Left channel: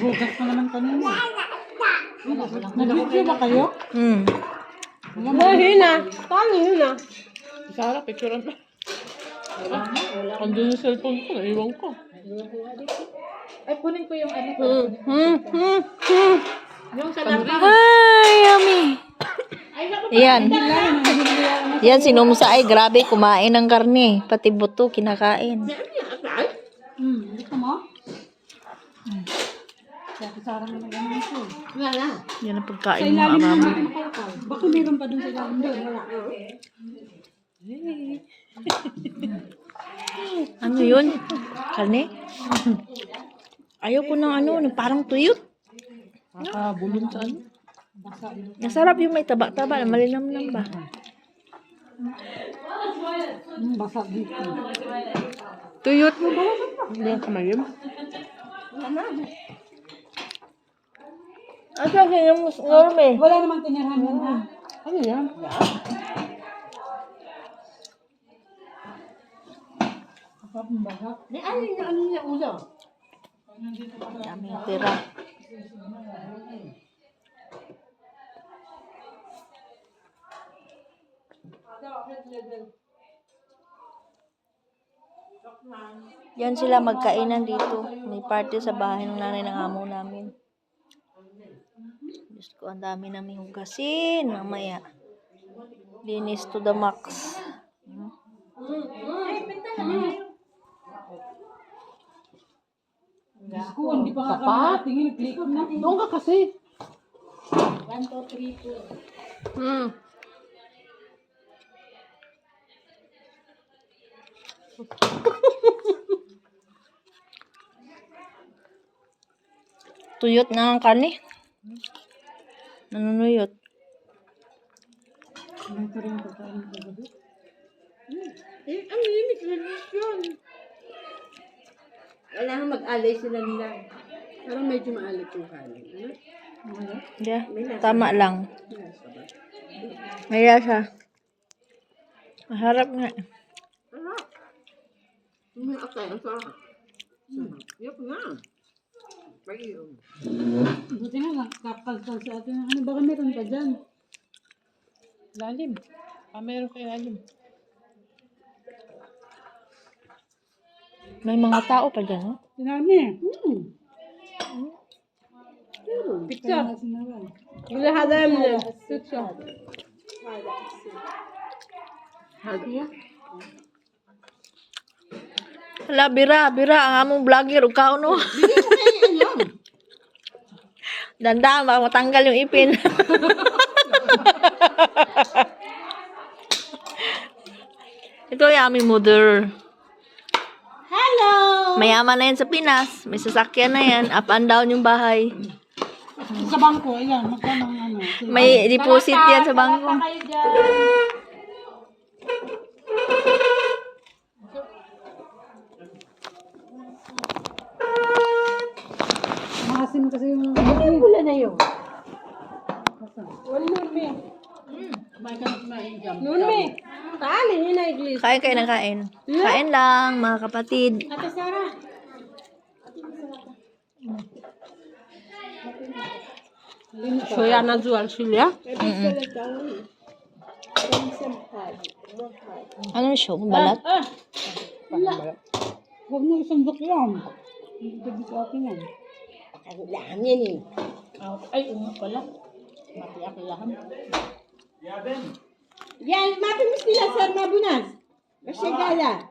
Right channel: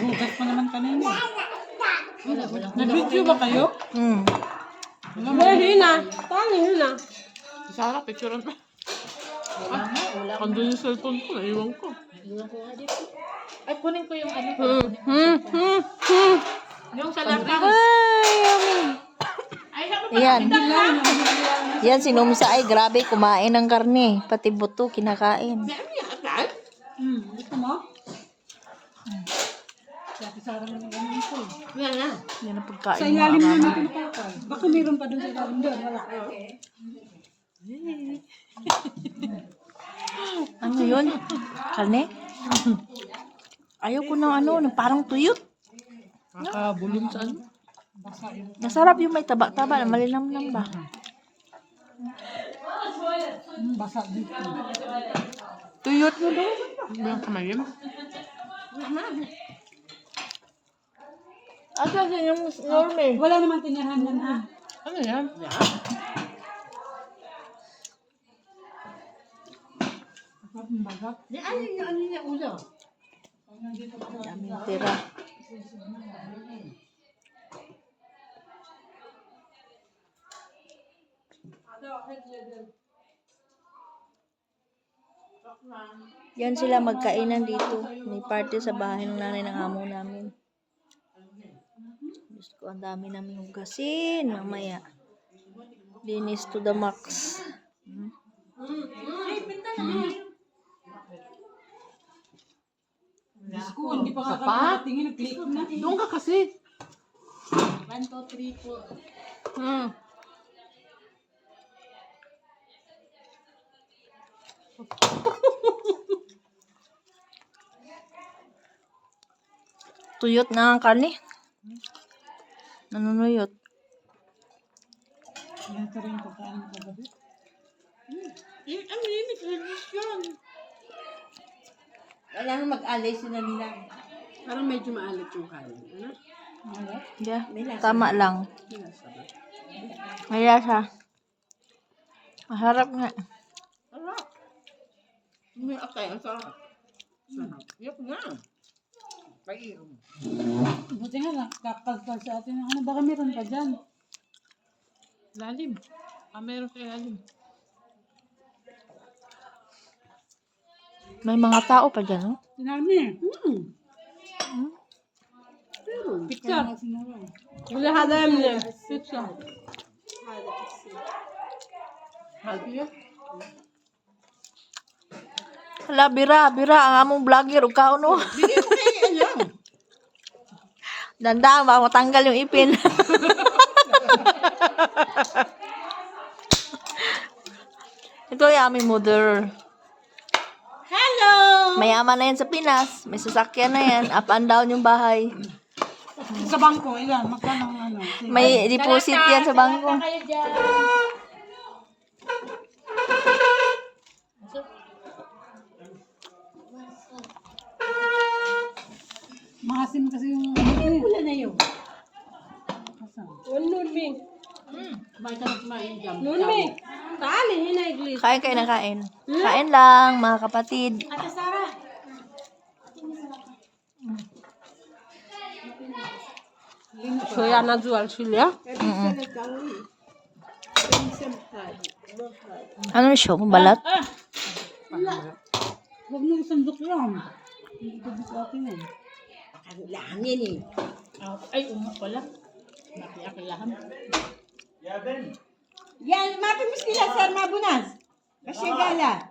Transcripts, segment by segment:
Hugas pa naman kanina. Nag-video ba kayo? Hina. Paano hina? Sarah, picturean mo. Andun yung cellphone ko, naiwan ko. Ay, kunin ko yung ano ko. Yung sa laptop. Ay, yummy. Yan. Yan, sinumsa ay grabe, kumain ng karne. Pati buto, kinakain. Gusto mo? Kaya kasara mo na ganun ito. Wala na. Yan ang Sa pagkain mo, ilalim arami. naman kumakal. Baka meron pa dun sa ilalim doon. Wala. Ano yun? Karne? Ayaw ko ng ano, parang tuyot. Nakabulong sa ano? Nasarap yung may taba-taba, malinamnam ba? Basa dito. Tuyot mo ba? Hindi ang kamayim. Asa ka yung norme? Wala naman tinirahan yan ha. Ano yan? Bakap ng bagap. Ano niya ulo? Daming tira. Yan sila magkainan dito. May party sa bahay ng nanay ng amo namin. Diyos ko, ang dami namin hugasin. Mamaya. Linis to the max. Diyos ko, hindi pa nga kami nakatingin. Nag-click na. Doon ka kasi. 1, 2, 3, 4. Tuyot na ang karne. Nanunuyot. Ito rin yung pagkain ng kagabi. Ang limit release yun. Kailangan mag-alay sila nila. Parang medyo maalat yung kanin. Ano? Yeah, tama lang. Maya siya. Masarap nga. Sarap. May akay, ang sarap. Yup nga. Pag-iom. Buti nga, nakakalkal sa atin. Ano, baka meron pa dyan. Lalim. Meron kayo lalim. May mga tao pa dyan, no? Sinami. Picture. Bila hada yun. Pizza. Hadi. Hala, bira, ang among vlogger, o kao, no? Dandang, baka matanggal yung ipin. Ito yung aming mother. Hello! Mayaman na yan sa Pinas. May sasakyan na yan. Up and down yung bahay. Sa bangko, ilan? Magkano ang ano? May deposit yan sa bangko. Kayo dyan. Makasim kasi yung... Wala na yun. Nurmi. Nurmi. Tali, hinaiglis. Kain kayo ng kain. Kain lang, mga kapatid. Ate Sarah. Soya na jual silya. Ano siya? Balat? Huwag mo isandok lang. Hindi gabi sa akin yan. Ang lahan yan eh. Ay, unga pala. Maki-akilahan. Yan, mapimis nila sa mabunas. Masyagala.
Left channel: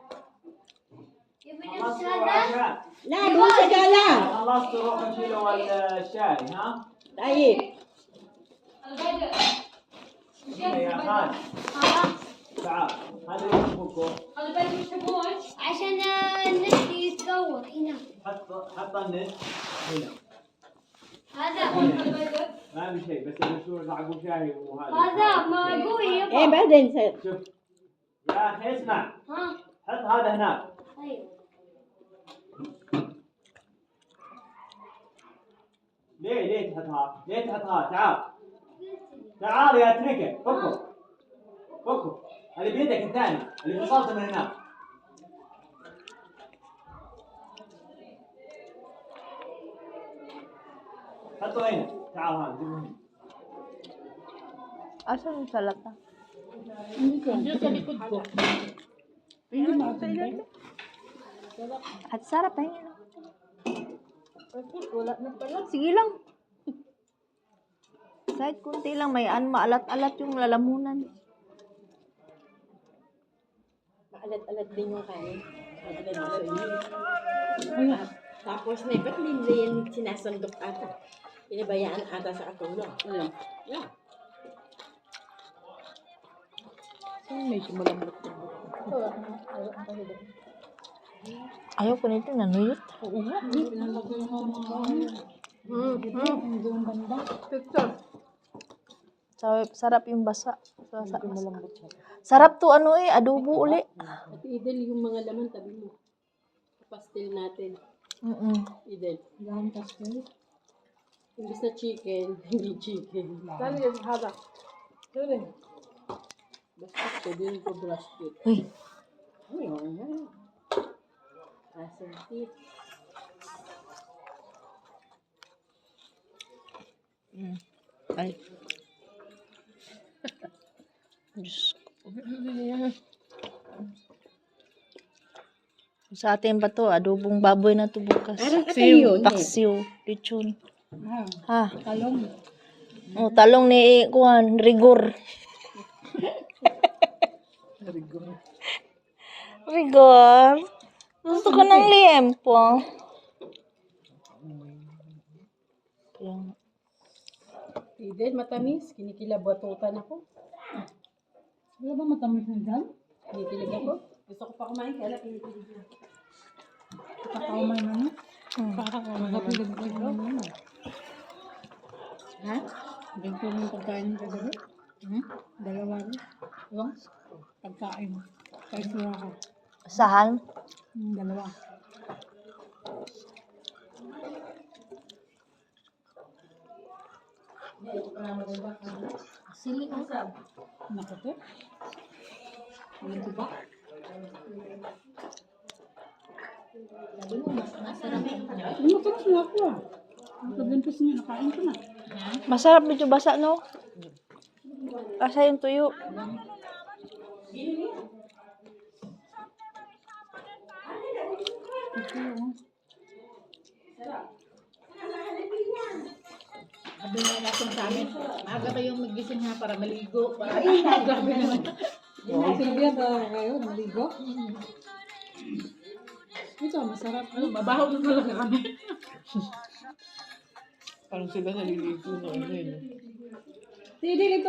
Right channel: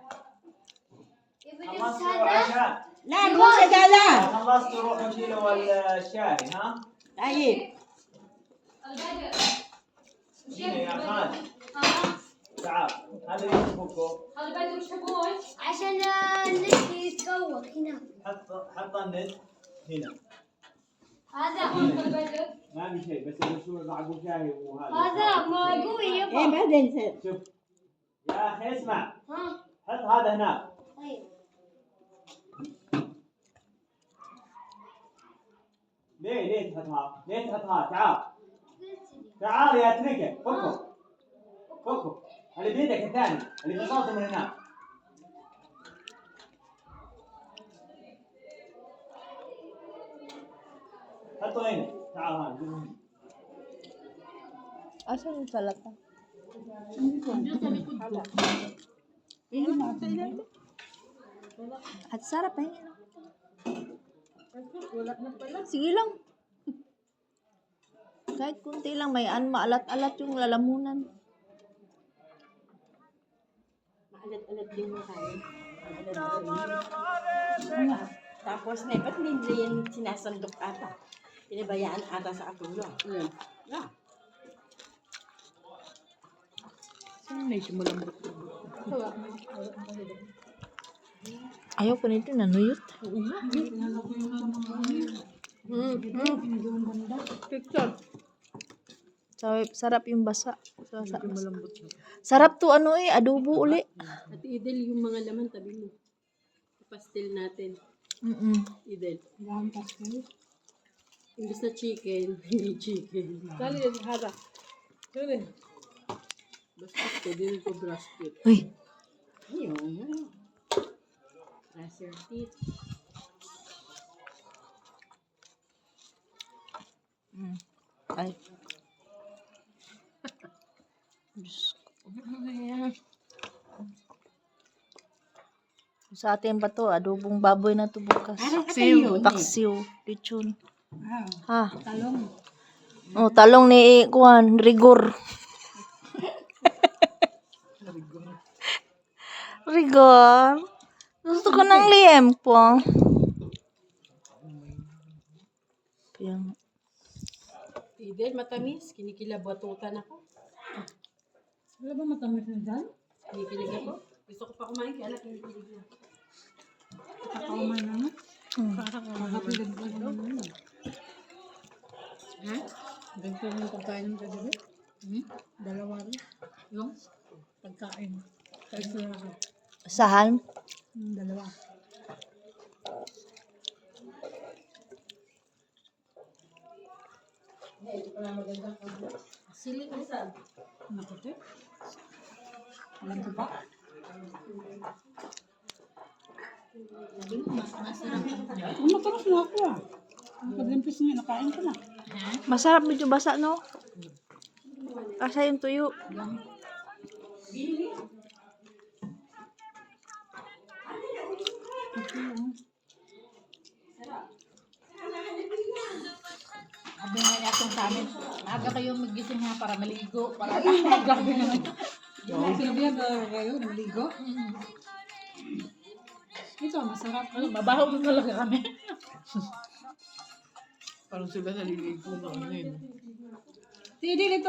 Na, masyagala. خلاص تروح نشيلوا الشاي ها؟ Tayo. يا خالد تعال هذا يشبكه عشان النت يتطور هنا حط النت هنا هذا ما في شيء بس الرسول معقول شاي وهذا هذا ما قوي Eh, يبا بعدين سير. شوف يا اخي اسمع ها حط هذا هناك طيب ليه تحطها؟ ليه تحطها؟ تعال تعال يا تريكه فكه فكه اللي بيدك الثاني اللي فصلته من هناك حطه هنا تعال ها جيبه هنا Asan yung salata? Diyan sa likod ko. At sarap pa yun. Wala na pala. Sige lang. Kahit kunti lang, may maalat-alat yung lalamunan. Maalat-alat din yung kanin. Tapos na, ba't hindi nila yan sinasandok ata? Pinabayaan ata sa akulo. Yeah. Medyo malambot. Ayaw ko nito, nanuyot. Pinalagay yung yung banda. Picture. Sarap yung basa. Sarap to ano adobo uli. At Idel, yung mga laman tabi mo. Pastel natin. Idel. Dahon pastel. Imbis na chicken, hindi chicken. Dali, hada. Dali. Basta pwede rin ko brisket. Uy, Ayun. Russell teeth. ay. Diyos ko. Sa atin ba to? Adobong baboy na to bukas. Paksiw. Lechon. Ha? Talong. Oh, talong ni Kuan, rigor. Rigor. Gusto ko ng liempo. Yung Idel, matamis. Kinikilabatutan ako. Wala ba matamis na dyan? Kinikilig ako. Gusto ko pa kumain, kaya lang kinikilig na. Kakaumay na no? Kakapilig ko na. Ha? Ganito rin yung pagkain ng kagabi. Dalawa rin. Yung pagkain. Kahit sura ko. sahan. Dalawa. Sili na sa. Nakate. Ganito ba? Matalas na ako ah. Nakaglimpis niya, nakain ko na. Masarap medyo basa, no? Basa yung tuyo. Sabi nga niya kung sa amin, maaga kayong magising na para maligo. Para Grabe naman. Silvia ba kayo? Naligo? Ito, masarap. ano, mabaho na talaga kami. Parang sila naliligo na ano yun. Hindi, dito.